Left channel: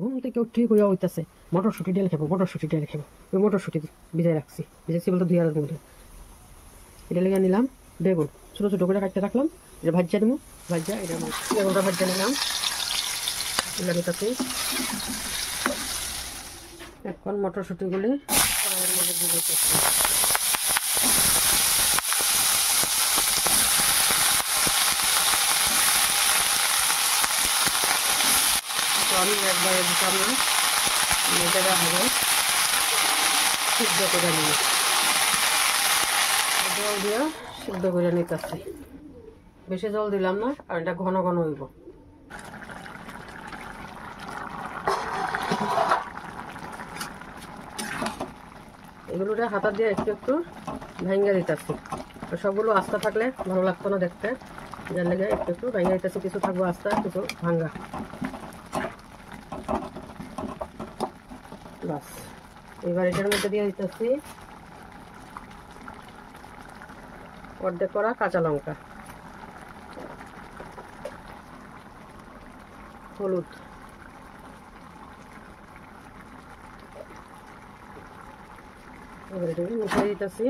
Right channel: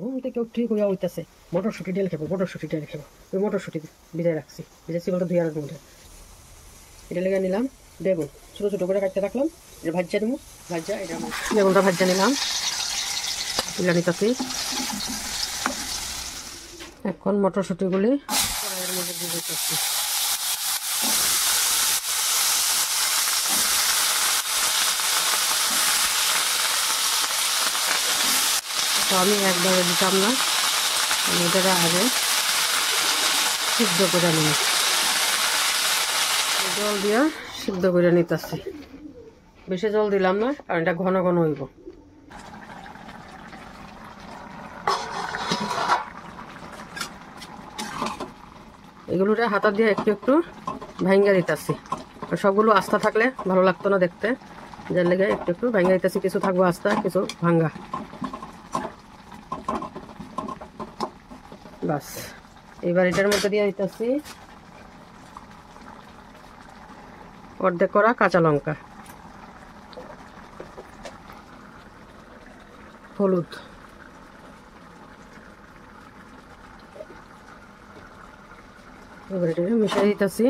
ঘুম থেকে উঠে কইয়া হইতেছে মটরশুঁটি ডাল খাবো, মটরশুঁটি ডাল খাবো। ওই মটরশুঁটি ভিজাই রাখছি, ভিজাচ্ছি বলতো 2 আড়াই ঘন্টা। এটা লেগে নিলাম বেগুন, ছোটো ছোটো করে কাটতে রাখলাম, এটা ভাজা দেবো। ভাজা এটা বেগুনটা ভাজা নিলাম, তুলে নিতেছি। এখন মটরশুঁটিগুলি কড়াইয়ের মধ্যে দিয়ে দিতেছি। আমি একবারে দিতাম না, আমি এটা আগে সিদ্ধ করে নিই, জল দিয়ে সিদ্ধ করে নিতেছি। বেশি জল দিলাম না, কারণ এটা ঘন ঘন হইব। এগুলোটা হাতা দিয়ে একটু একটু ভাঙ্গা দিতেছি। সবগুলো আস্তা থাকলে ভালো লাগতো না দেখতে, যার লেগে একটু একটু ভাঙ্গা দিতেছি। কিছু থাকবো আস্তা, কিছু ভাঙ্গা। বাস, এবার এটার মধ্যে দিয়ে দিতেছি অর্ধেক করা কাঁচা লঙ্কা, হলুদ, এবার এটাকে মিশিয়ে দিতেছি।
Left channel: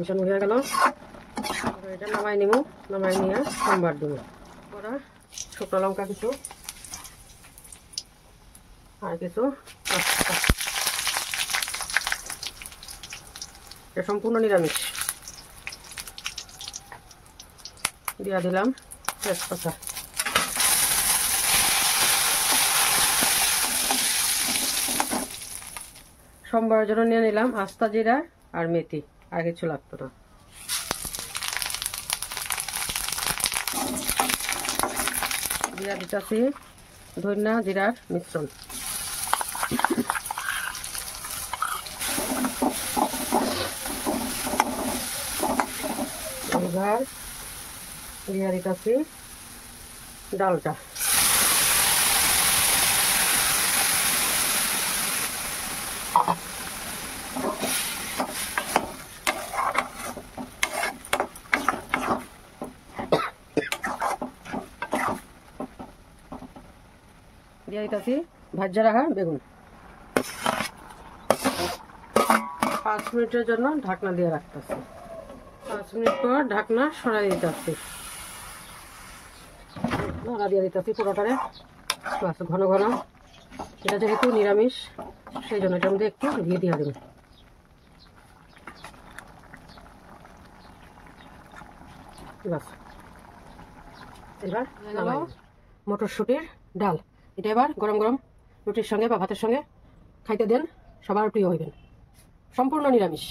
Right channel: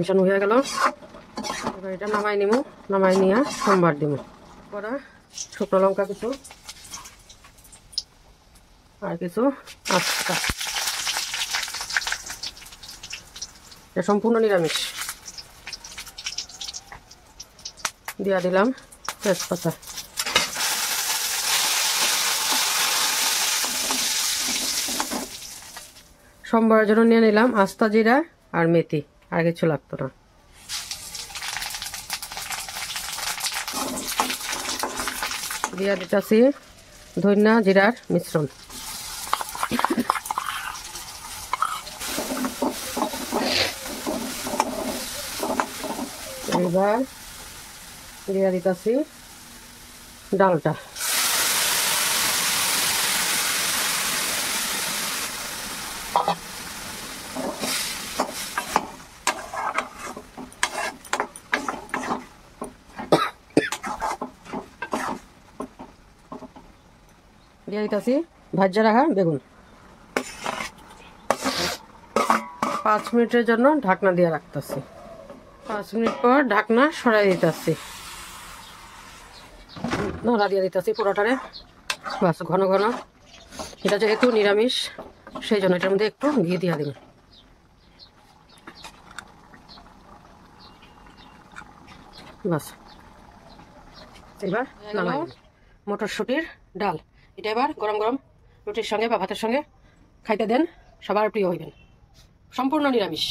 মিশানো হয়ে গেল, এবার এটা নামাই নিব। নামাই নিয়ে সোমবার দিব। করা শুকনো লঙ্কা কিছু, আর কিছু আস্তা। এটা সম্পূর্ণ নিরামিষ। দিয়া দিলাম তেজপাতা, সোমবারের জন্য নিয়ে নিলাম আস্তা জিরা আর মেথি, আর কিছু লাগতো না। দিয়া দিতেছি ধনিয়া জিরার মিশ্রণ। এবার দিয়ে দিতেছি ডালটা। দিয়ে দিতেছি ভাজা রাখা বেগুন। 5 মিনিটের জন্য ঢাকনা দিয়ে রাখতেছি। 5 মিনিট পর ঢাকনা সরাই দিতেছি, নাড়া দিয়ে দিতেছি পুরোটারে। বাস, ঘন ঘন। এটা যেহেতু নিরামিষ, সেই জন্য এটার মধ্যে একটু ঘি দিয়ে দিব। বাস, এবার নামাই মটরশুঁটির ডাল। এটা এবার গরম গরম রুটির সঙ্গে বা ভাতের সঙ্গে খাইতে দেন, সবার প্রিয় হইবেন। সম্পূর্ণ নিরামিষ।